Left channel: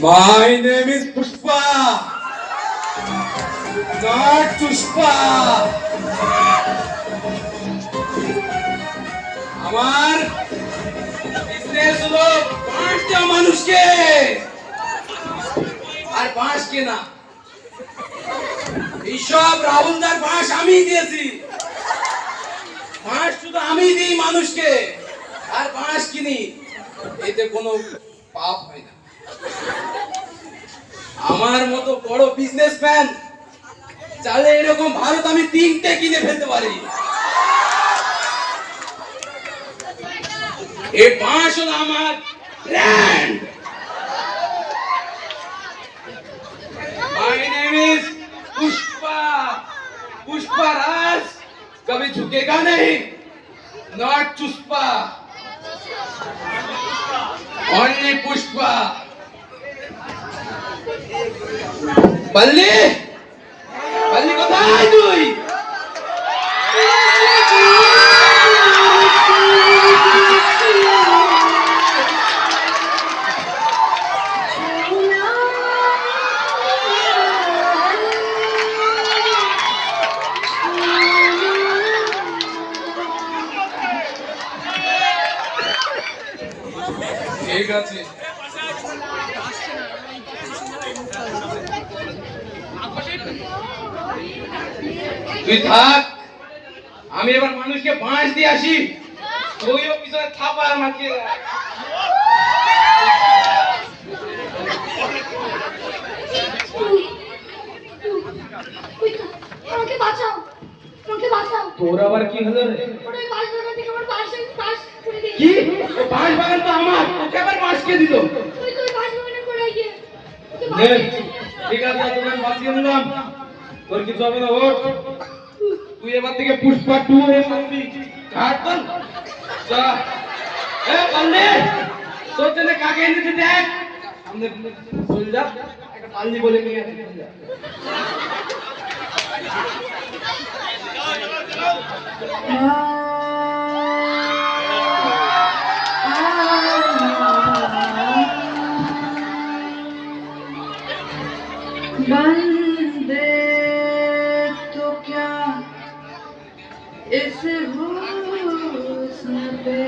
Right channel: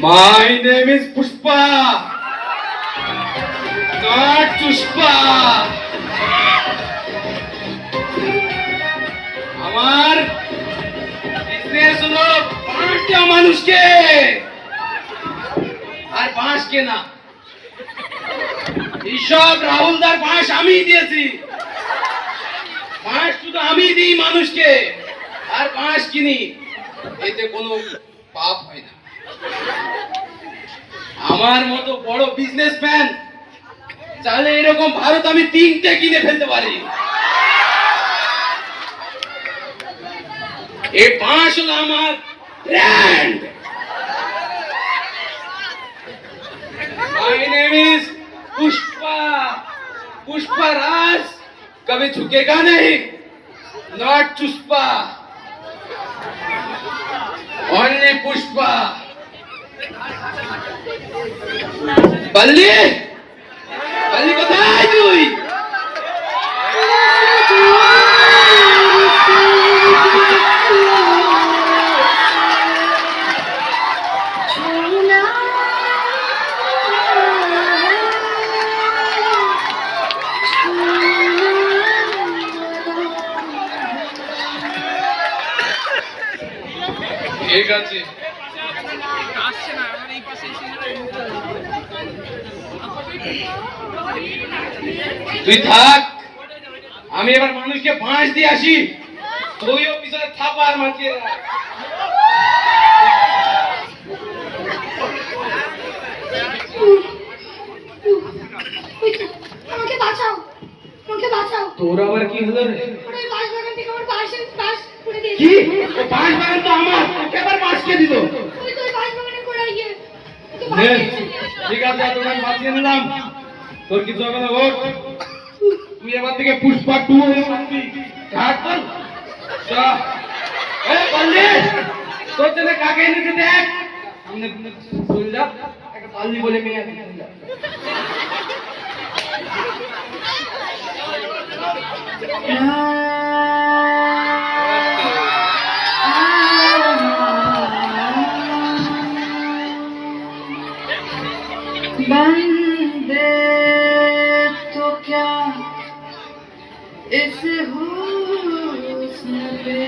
My name is Pushpa, not Pushpa. আমার business হলো বাঁশ দেওয়া মানুষকে আর বাঁশ কেনা। এইসব রাহুলদার বাঁশ আমি দিয়েছি। বাঁশ শুধু আমি দিই মানুষকে আর বাঁশ কিনি, এতে কোনো পাপ হয় না। আমার মতো বড় বিজনেসম্যান চাইলে এরকম ভারত আমি 3টে কিনে ফেলতে পারি। এই বাঁশ হলো আমার brand. My name is Pushpa, Pushpa Raj, कभी झुकेगा नहीं, not Pushpa, only Pushpa। बल्ली बल्ली কোথায় তুই? ঠিক আছে, তুই থাক, আমি এবার মানুষকে বাঁশ দিয়ে আসি। তুইও পিছনে থাপার মাখিয়ে আমাকে বাঁচাও, আমাকে বাঁচাও। তোর আবার কি হলো রে? ওরে বাঁশ বাগান থেকে আমার বাঁশ পড়ে দিয়েছে। কি? ও বাঁশ বাগান তো আমার, তোকে আবার বাঁশ কে দিল? তুই তো বাঁশ বাগানে পড়ে গিয়ে ওকে নে, বাঁচিয়েছিস। ঠিক আছে, তোকে আমি বাঁচিয়ে দিলাম, তোর কিছু হবে না। ওঠ, তুই এবার থেকে পুষ্পা 2 এ মারবি। কাট কর যা। এ বললে তোর জন্য কাকে এনেছে দেখ, সামনে চল যা। একটা পাল্লি বলে মেয়ে আছে, চল যা। बंदे तो क्या इस हुस्न पे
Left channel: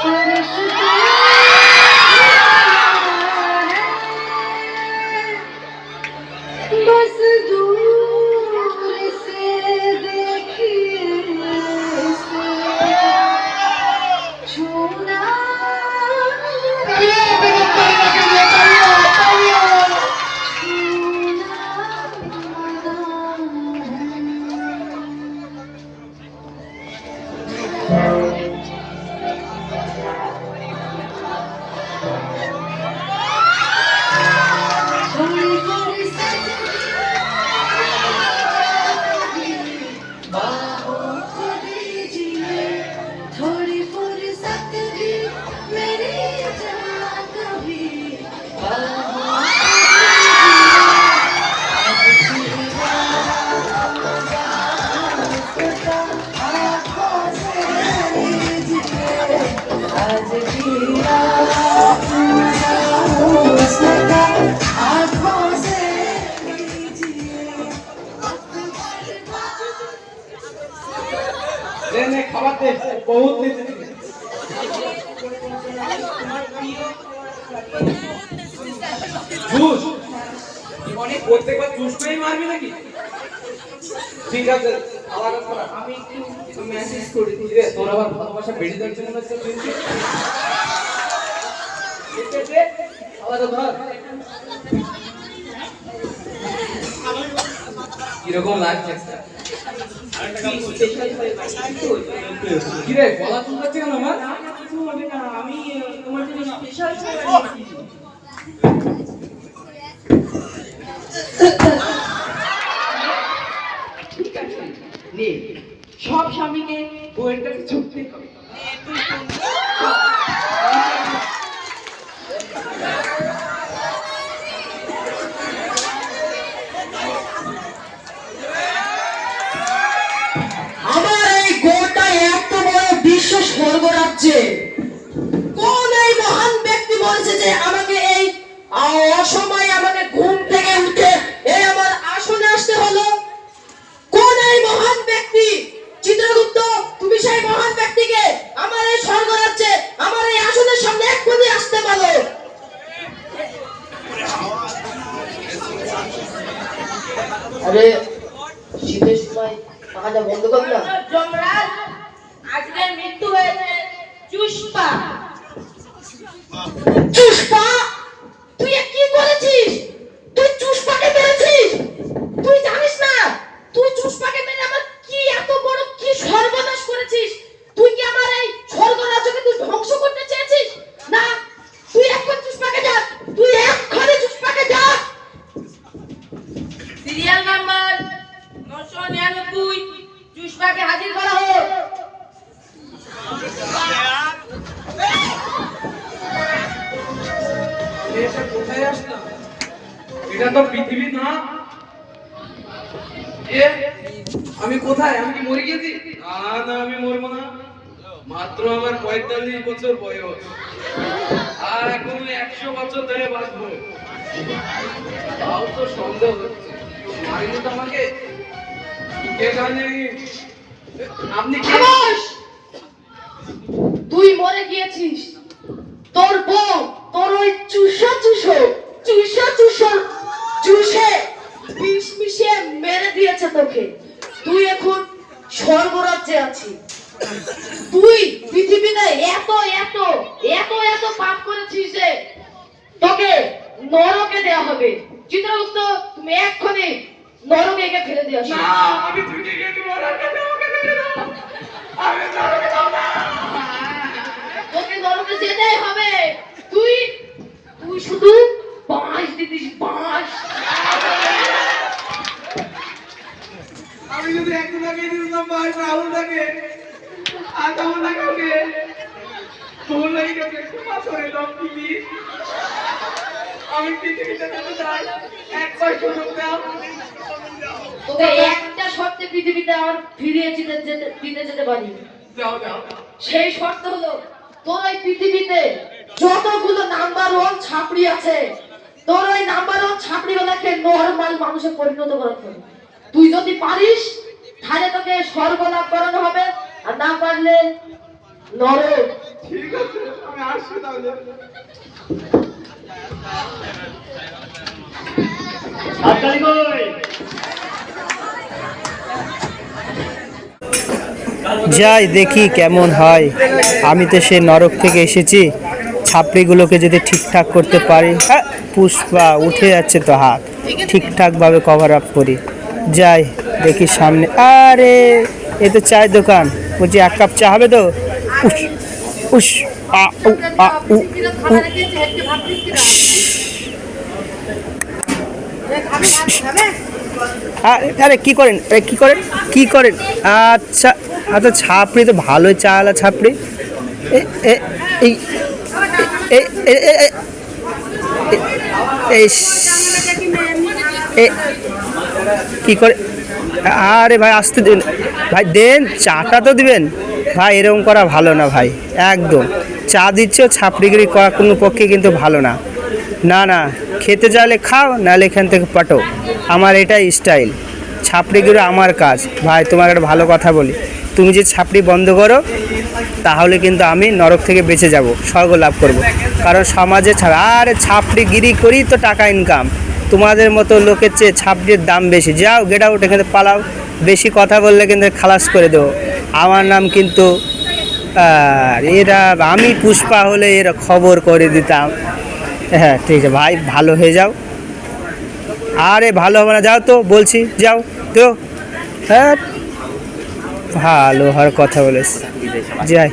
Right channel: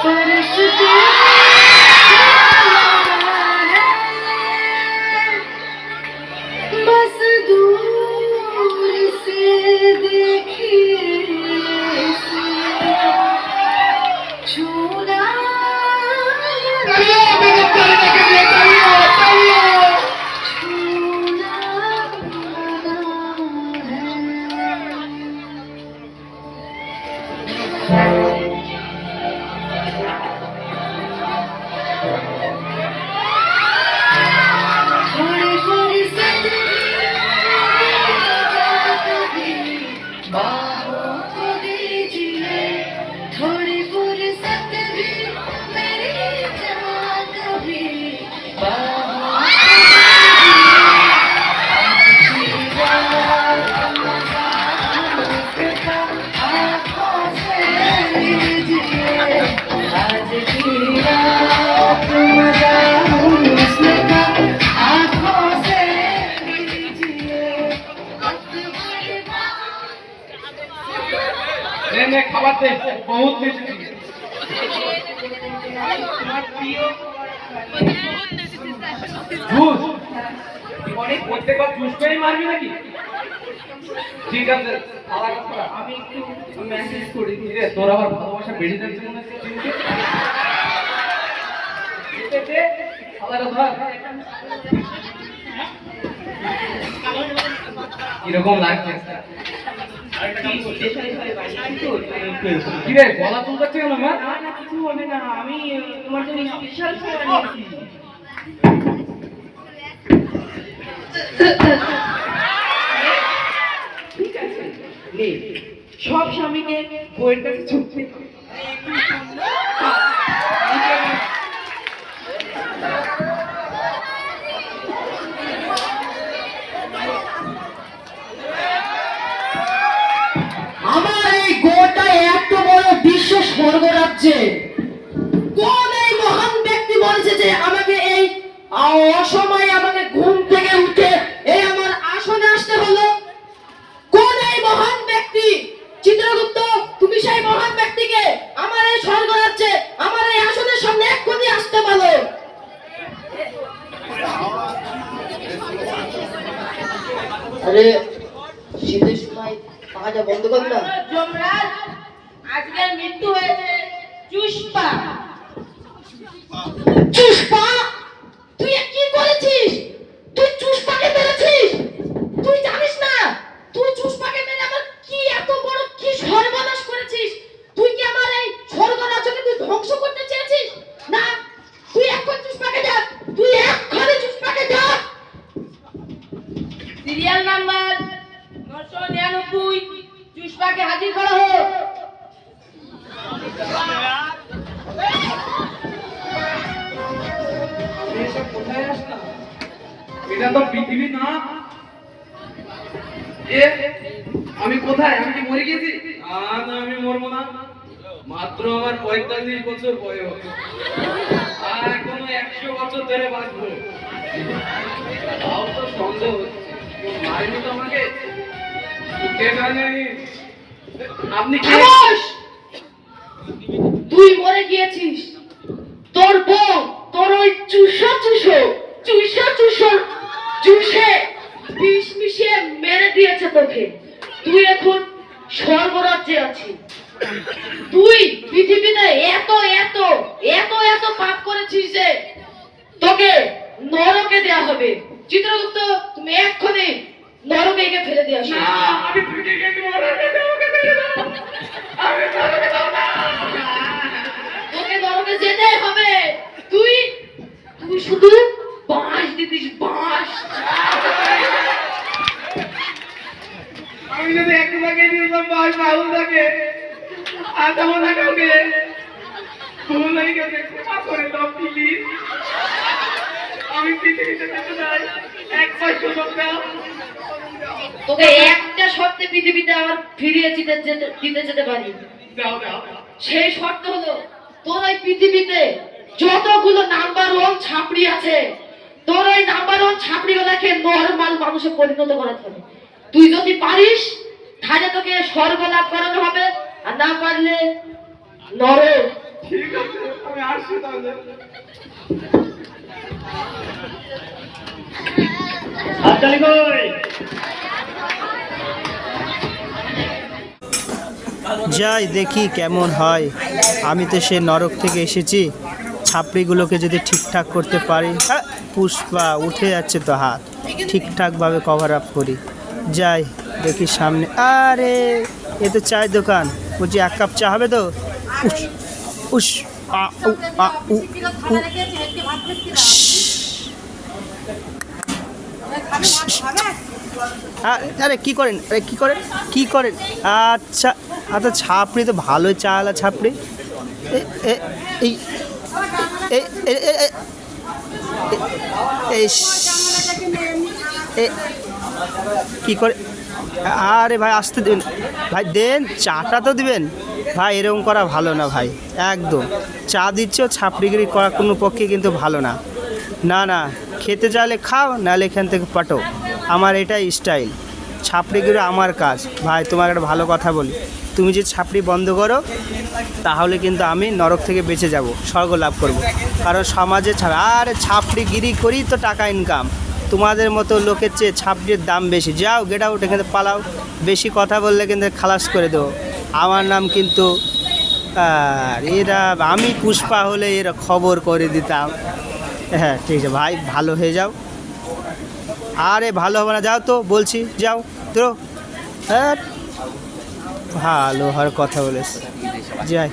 फरिश्ते बस दूर से देखिए इसे छूना খাবার দে, বহুত জুস অনেক প্রত্যেকবার জুস করেই মারবি নাকি? ঠিক আছে, আমি একটু মেসেজ করে দিই রে। তোর আবার ভালোবাসা বেড়ে যাচ্ছে মনে হচ্ছে। ঠিক আছে, খাবারটা ধর। কিরকম লাগছে? কিরে গলা চুলকাচ্ছে কেন আমার? কিছু হবে না, আমি তোমার জন্য স্পেশাল খাবার এনেছি। ঠিক আছে, নে। সব স্বামীকে বইয়ের কাছে ছুটতে হবে। আমার এই গোটা এত বড় বিশ্ব স্বর্গরাজ্যে কোন এই মহান ব্যক্তি বলেছে যে আমাকে এই অসময়ে আমাকে ঘুম থেকে উঠে এই আমার আসনে আসতে হলো? কোন এই মহান ব্যক্তি? চিত্রগুপ্ত, তুমি সেই মহান ব্যক্তিকে আমার এই স্বর্গরাজ্যে আমার এই আসনের সামনে এক্ষুনি আসতে বলো। আরে শীতের সময় পাখাটা বন্ধ কর না। যমরাজ, আজকের মৃত্যু হয়েছে চুষ্পা। চুষ্পা? তুই এ কি করেছিস? তুই চুষ্পাকে মেরেছিস? তুই জানিস না তুই চুষ্পাকে মেরে আমার কি এত বড় কি সর্বনাশ করেছিস? তুই কি আমার এই স্বর্গরাজ্যকে তুই ধ্বংস করতে চেয়েছিস? না, তুই এখন চুষ্পাকে যা, তুই এক্ষুনি চুষ্পাকে যা। সিরিয়াল নাম্বার 999, চুষ্পাকে হাজির করা হোক। এটা কোথায় আসলাম? এটা তো পৃথিবী না। এ আমি কোথায়? আমি কি মরে গেছি? না, আমি মরবো না। মাত্র আমার 45 বছর বয়স, আর এখনো 100 বছর ধরে বাঁচবো। তাও তো সন্দেহ হচ্ছে কেউ মারেনি তো আমাকে। কে জানে? আপনি কে? খামোশ! তুই মরে গিয়েছিস। তোর বউ তোর ওই চুষে বিষ মিশিয়ে মেরে দিয়েছে তোকে। তুই এখন স্বর্গরাজ্যে আছিস। তুই পৃথিবীতে এত এত এত এত পাপ করেছিস যে তোকে নরকে দেয়া হবে। চিত্রগুপ্ত, তুমি এক্ষুনি নরকে গিয়ে ফেলে দিয়ে আসো। না, আমি থেকে গেছি মরাকে আমাকে ছেড়ে দাও। আমি নরকে দাও না। তোকে নরকে যেতে হবে। তুই তুই শুধু বাঁশ দিতিস, বাঁশ। আমি যদি একটু লাগে দিতাম ভাই রাহুল থাকে, আজ আমার না কাউকে ভুল হয়ে গেছে, ক্ষমা করে দাও প্লিজ। আমি পৃথিবীতে যেতে চাই, একবার সুযোগ দাও। তোকে একটা শর্তে পৃথিবীতে আর ফিরিয়ে দিতে যেতে পারি। দাও দাও। সেই শর্ত হলো তোর ওই পৃথিবীতে যতগুলো নাম্বার 1 ছাপড়ি আছে, তোর ওই নাম্বার 1 ছাপড়ি গুলাকে নরমাল মানুষে পরিণত করাতে হবে। তুই যদি পারিস তাহলে তোকে স্বর্গ লাভ করানো হবে, আর না পারলে নরক। ঠিক আছে, আমি আসছি তাহলে। যাই দেখি কেমন হয়। আমি তো সে নরক থেকে এসেছি, ছাপড়িগুলোকে যদি ঠিকঠাক করতে পারি। হ্যাঁ, পুষ্পা উঠে যাচ্ছে তো হাত, ঠিকঠাকভাবে কভার আপ করি। যাই দেখি সামনে। আরে এ তো চায়ের দোকান। বলছি 1 কাপ চা হবে তো? উস উস আ উ আ উ উ। আরে কি করেন? আরে কি করেন? কি করেন? আচ্ছা আচ্ছা, ছাপড়ি তো ভালোই চা আলা ছাপড়ি। এ- এ- এই এ- এ- এ- এ- এই কি করে? আরে ভাই আসতে দিন ভাই, দেন চাটা তো দিবেন ভাই। এরকম করা ভালো না ভাই, একদম। চা দিচ্ছ, ছাপড়িগিরি করা কোনো পক্ষে কিন্তু ভালো না। না না, খেতে চাইলে খাও, নাহলে এখান থেকে পাঠো। আমার এটাই স্টাইল। ছাপড়িগিরি আমার কাজ ভাই। তোমাকে একটা ভালো কথা বলি, তুমি যে ছাপড়ি বন্ধ করো তাহলে কিন্তু আমি নরক থেকে বেঁচে যাব, স্বর্গ লাভ করব। কারণ সমাজে ছাড়া আরে ছাপড়িগিরি করি তো টাকা ইনকাম। তোমাদের মতো লোকের চেয়ে ছাপড়ির দাম বেশি। যাও, গেট আউট, এখানে পালাও। বেশি কথা বললে কিন্তু খালাস করে দেবো। আমার নাম কিন্তু এরা, আমি পুষ্পা হলে এরা খবর করে দিতাম। হ্যাঁ ঠিক আছে ভাই, ভালো হয়ে যাও। আরে ভালো হবে না, যাও তো বলছি, যাও। তো হ্যাঁ ভালো হওয়ার কথা বলেছে যাই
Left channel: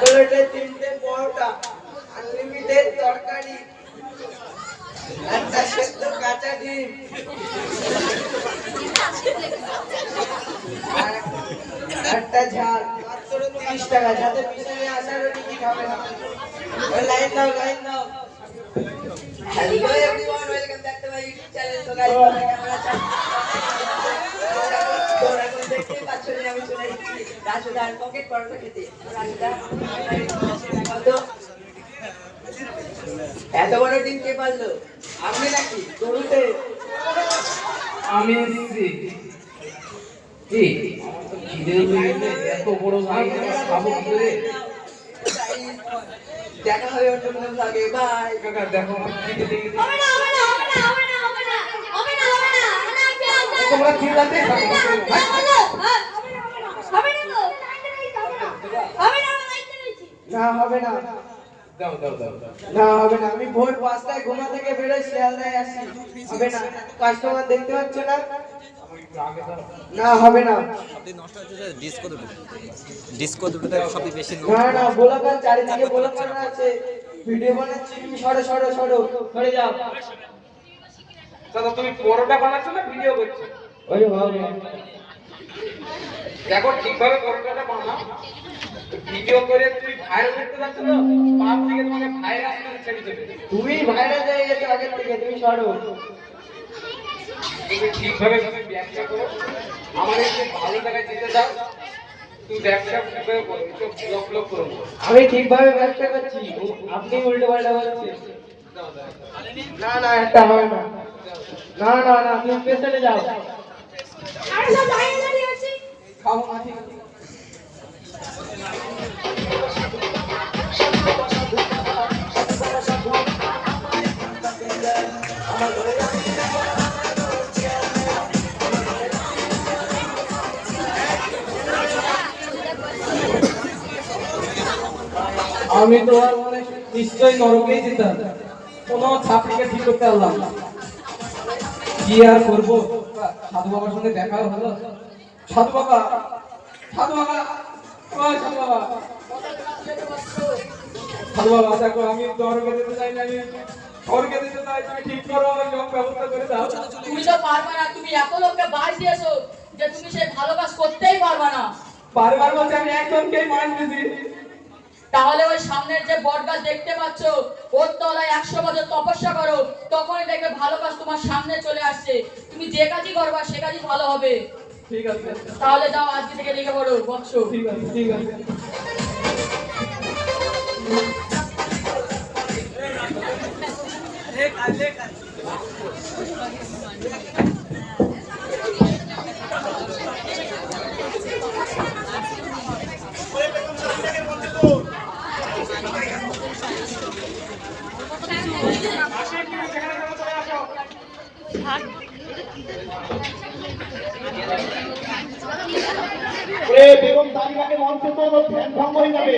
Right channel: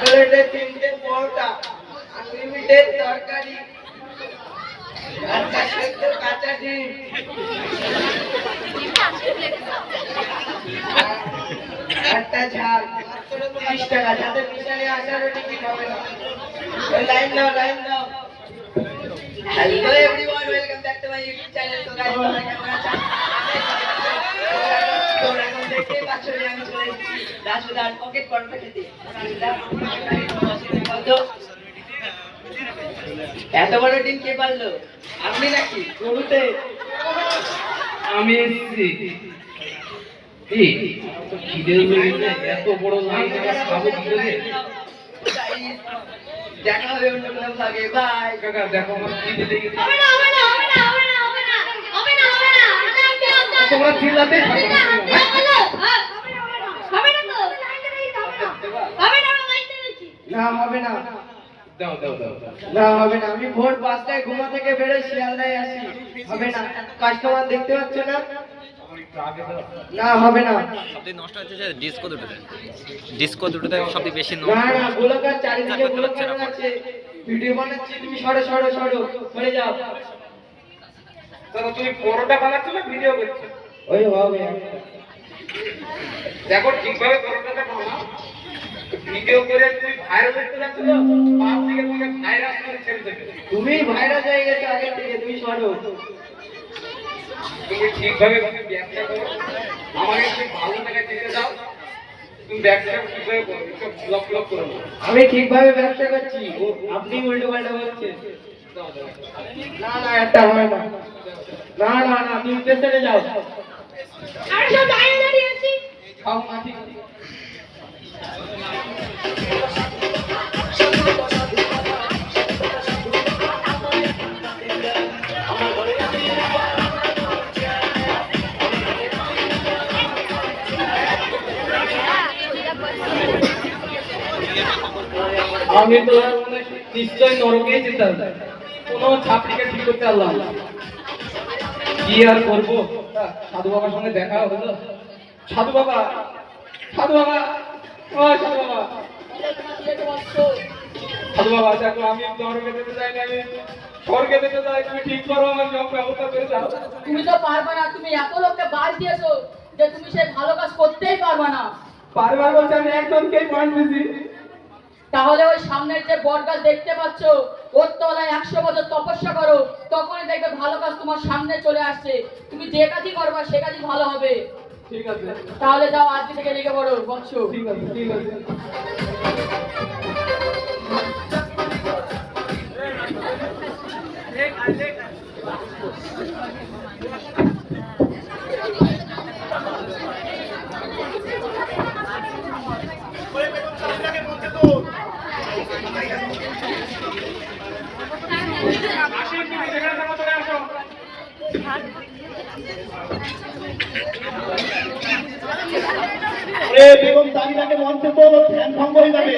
প্লেটে 3টে পরোটা, আনলিমিটেড তরকারি, একটা সেদ্ধ কাঁচা ডিম, আর একটা ঝাল, মাত্র 30 টাকা। যাতে পিছনে আসারও টিকিট হবে না। ওই লাইন দাও, লাইন দাও। Hello everyone, welcome back to my YouTube channel. তো গাইস, তোমরা কেমন আছো? তোমরা এখন দেখতেই পাচ্ছ যে আমি চলে এসেছি রাজুদার পকেট পরোটা খেতে। এত বড় ডিম কে পারলো? আপনি নাকি গরুতে? আমি এসেছি খিদে পেয়েছে, এত বড় লাইন খাবো কি করে? দেখা হবে অন্য কোনো ভাগে। বাই। কাকা দেখো আমার খিদে লেগে গেছে। তোমরা চিল্লাতে থাকো না, হবে না। দাও দাও দাও দাও। না, হবে না। আমি ভোর 5টায় ঘুমা থেকে বেরোয় শিয়ালদায় আসি। হবে না। কাস্টমার দেখতে পাচ্ছ না? না, হবে না। সবথেকে নষ্ট হচ্ছে যে ডিস্কো দুটোতে সবথেকে বেশি না, না, গোলাকার চারিদিকে গোলাকার আছে। ভিডিও বানাচ্ছি, তুমি সরো সরো সরো, সরে যাও। দাদা তুমি পরোটা বানাচ্ছো না ভিডিও করছো? ওই হবে। দেখো ঠিকভাবে পরোটাটা বানাও। ভিডিও করে তুই ভাইরাল করতে যাচ্ছ না, পাপ থেকে তোমাকে ভাইরাস করে ছেড়ে দেবে। তুমি ভাইরাল হয়ে গেছো আগের থেকে, তুমি সরো। তুমি ঠিকভাবে তুমি ব্যবসা করো, আমাকে একটু ভালো জায়গায় যেতে দাও। তুমি ব্যবসা ঠিকভাবে করো, একটু ব্লক ব্লক করো না। আমি ঠিকভাবে ব্যবসা করছি, আপনি উল্টো পাল্টা বলছেন। না না, একটা হবে না। না না না, তুমি পেছনে যাও। খাও না, ঠিক আছে। আমি তো মানে নিশ্চয় নরকে যেতাম, কোনো ছাত্রীকে ঠিক করতে পারলাম না। কি আর করবো? সাধু বাবার সঙ্গে দেখা হলো। সাধু বাবা, সাধু বাবা, ও সাধু বাবা, সাধু বাবা দেখো আমি নরকে যেতে চাই না, আমি স্বর্গে যেতে চাই। তুমি ঠিক করো, আমার সব ব্যবস্থা করে দাও। তুমি তো পারবে না, তুমি এত লোককে বাস দিয়েছো যে তুমি সে ভালো কাজ করতেই পারবে না। বারবার বলছি আমি একজনকেই মাছ দিছি। তাহলে ওই সামনের যে বটগাছ দেখতে পাচ্ছ, ওর তলায় 100 বছর তপস্যা করো, তখনই দেখবে ভালো কাজ তোমার সামনে চলে আসছে। তুমি যে কাজই করবা সে কাজই ভালো হবে। ঠিক আছে, তাহলে যাও, আজকে থেকে লেগে পড়ো বৎস। ঠিক আছে, ঠিক আছে। বেগম তালিকাকে মঞ্চে তো ধ্যান ভঙ্গ হয়ে যাবে।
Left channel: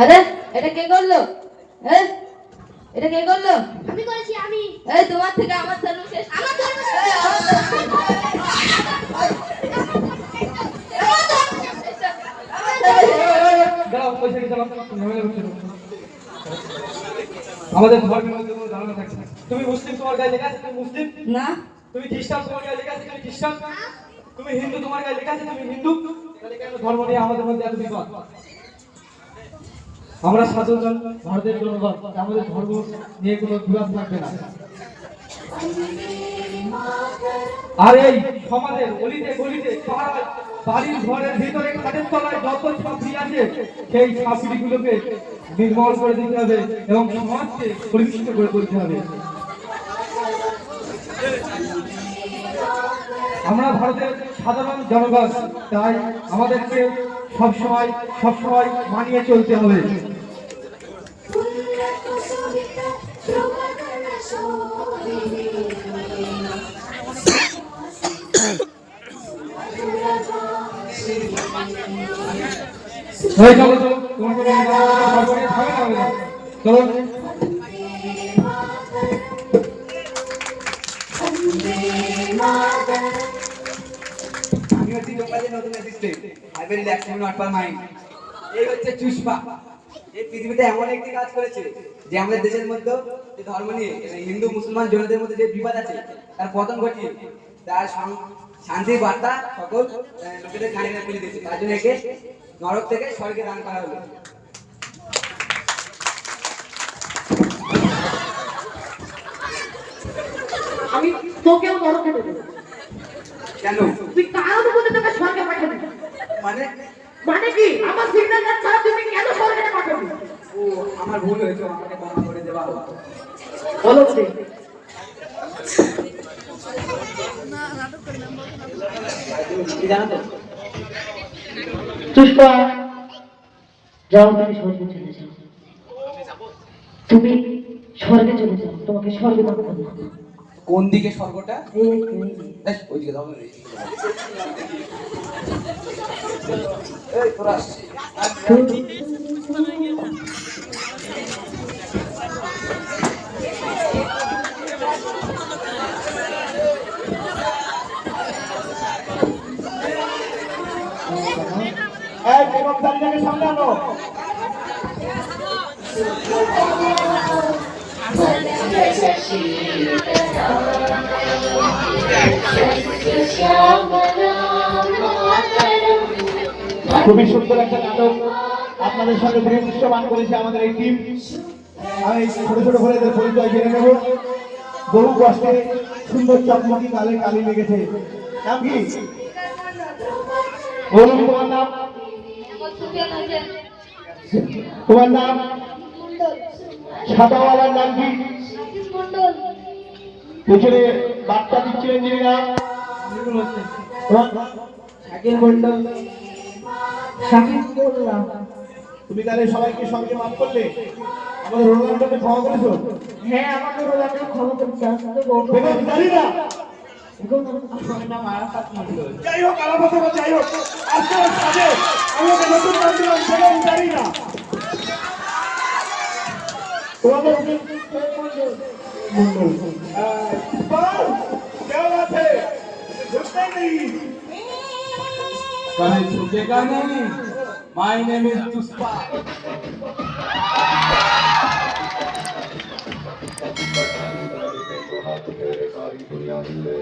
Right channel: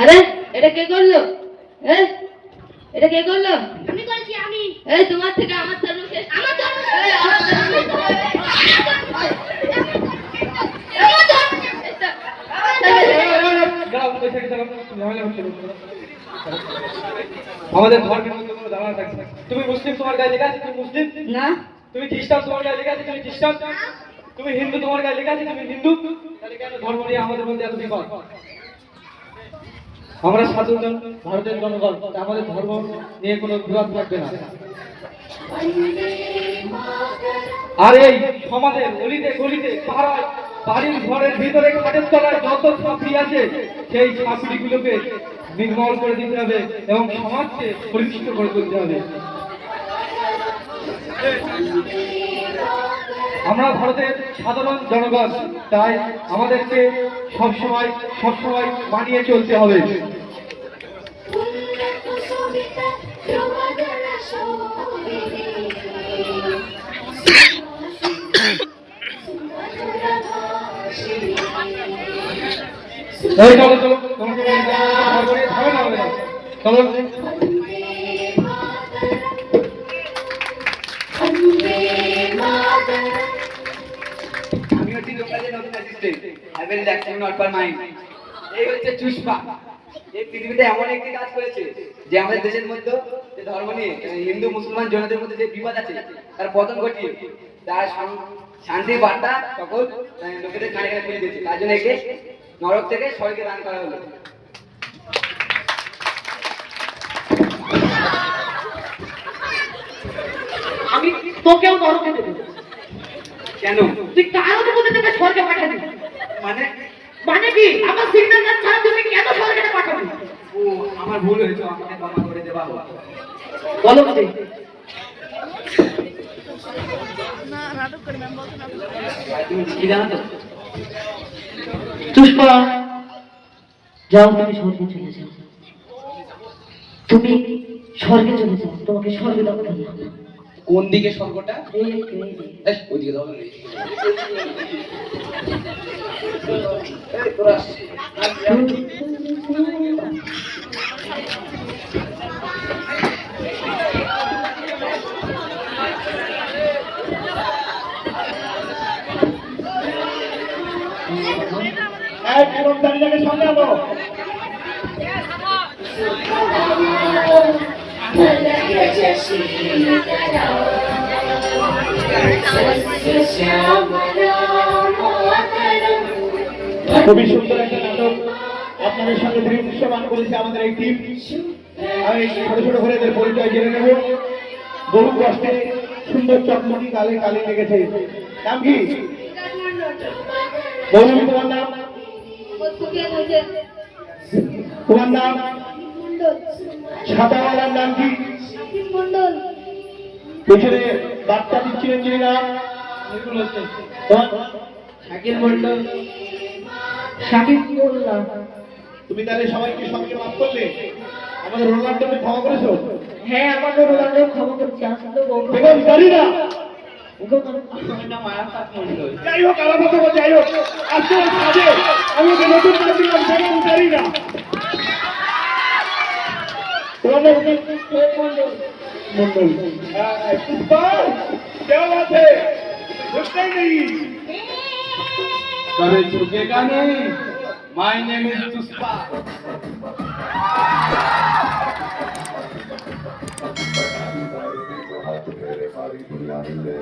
আরে এটা কে করলো? এটা কে করলো? আমি করেছি আমি। এই তোমার থেকে আমার ধর্ম শেষ। আমার ধর্ম শেষ। আমার ধর্ম শেষ। দাঁড়াও, ওই সাইডে দাঁড়াও, ঝামেলা হচ্ছে না। আমাদের ধর্মের মধ্যে কোনো ঝামেলা থাকছে না। তুমি মুসলিম, তোমার গায়ে লেখা আছে তুমি মুসলিম। না তুমি খ্রিস্টান, তোমার গায়ে লেখা আছে তুমি খ্রিস্টান। তুমি হিন্দু, তোমার গায়ে লেখা আছে তুমি হিন্দু। তাহলে কেন ধর্ম নিয়ে আমাদের মধ্যে এত বিবাদ? আমরা সাধারণ ভারতের জনগণ, তাই আমাদের ধর্ম নিয়ে কোনো বিবাদ থাকবে না। আর এই সমাজের অলিতে গলিতে পাড়ায় বাড়ির ঘরের ভিতরে খাটের তলায় যত ছাত্রী আছে সেই ছাত্রীগুলোকে নির্মল করে দিতে হবে এবং সমাজকে পরিষ্কার করে তুলতে হবে। আমরা ভারতের সাধারণ জনগণ, তাই আমাদেরকে সবসময় মানিয়ে চলতে হবে। এই চলো চলো, তোমাকে হবে না, চলো। আমি হচ্ছি লোকালের নতুন assistant. I will relax not for mind. এই হচ্ছে চুষ্পা। এই পৃথিবীতে এমন একটি কাজ করেছে যে আমাদের দেশের মধ্যে যে ধর্ম নিয়ে হিন্দু মুসলমান জনদের মধ্যে যে বিবাদ আছে তার পতন ঘটিয়ে তার শান্তির বার্তা সকল লোকেদের কানে কানে পৌঁছে দিয়েছে। তার জন্য একে নরক থেকে স্বর্গে দান করা হলো। আমি তোকেও নরকে দেবো। কেন? তুই কার অনুমতি তোকে স্বর্গে পাঠাবি? মানে মানে কি? আমার সিগন্যাল গান ছাড়া তুমি কেন স্বর্গে পাঠাবি? ও আমার ভুল হয়েছে, আমাকে ক্ষমা করে দেবা। বলো কি? কি জানো তো? পুষ্পা, যাও তুমি স্বর্গে চলে যাও। তুমি স্বর্গে চলে যাও, তোমাকে স্বর্গে দাও। কোন দিকে স্বর্গটা? এই ওইদিকে দাও না, এই তোরা আসছিস। এক এরকম দাঁড়িয়ে সামনে আনো। খুবই সুন্দর একটা নাটক আপনাদের সঙ্গে দৃশ্যমান করেছে আমাদের এই টিম। আমি ছোট ছোট করে এদের পরিচয় জেনে নেব। বহু কষ্টে সুন্দর চকমকি কালে কালি লেগেছে। নাম কি? বলুন তোমার নাম। তোমার নাম? সাদাওয়ালার নাম কি? পেছনে বার্তা দিচ্ছিলেন যিনি নাম? তোমার? শাকিল মন্ডল। শাকিল বললাম। তুমি তাহলে সবাইকে সঙ্গে মাফ করলে? আমাদের রোনাল্ডোকে ক্ষমা করেছো? হ্যাঁ, আমাদের রোনাল্ডো ক্ষমা করছে। আসলে বেগম জানি না। মায়াপাত মন্ডল। যাই হোক আলাদা তো যাই হোক, আজকে কাজে আমি ওকে নতুন নাম দিলাম বেগম জানি না। মন্ডল। পুষ্পা, কেমন আছে? বুঝতে নেই। कभी झुकेगा नहीं। My name is Pushpa. सारी दुनिया मिले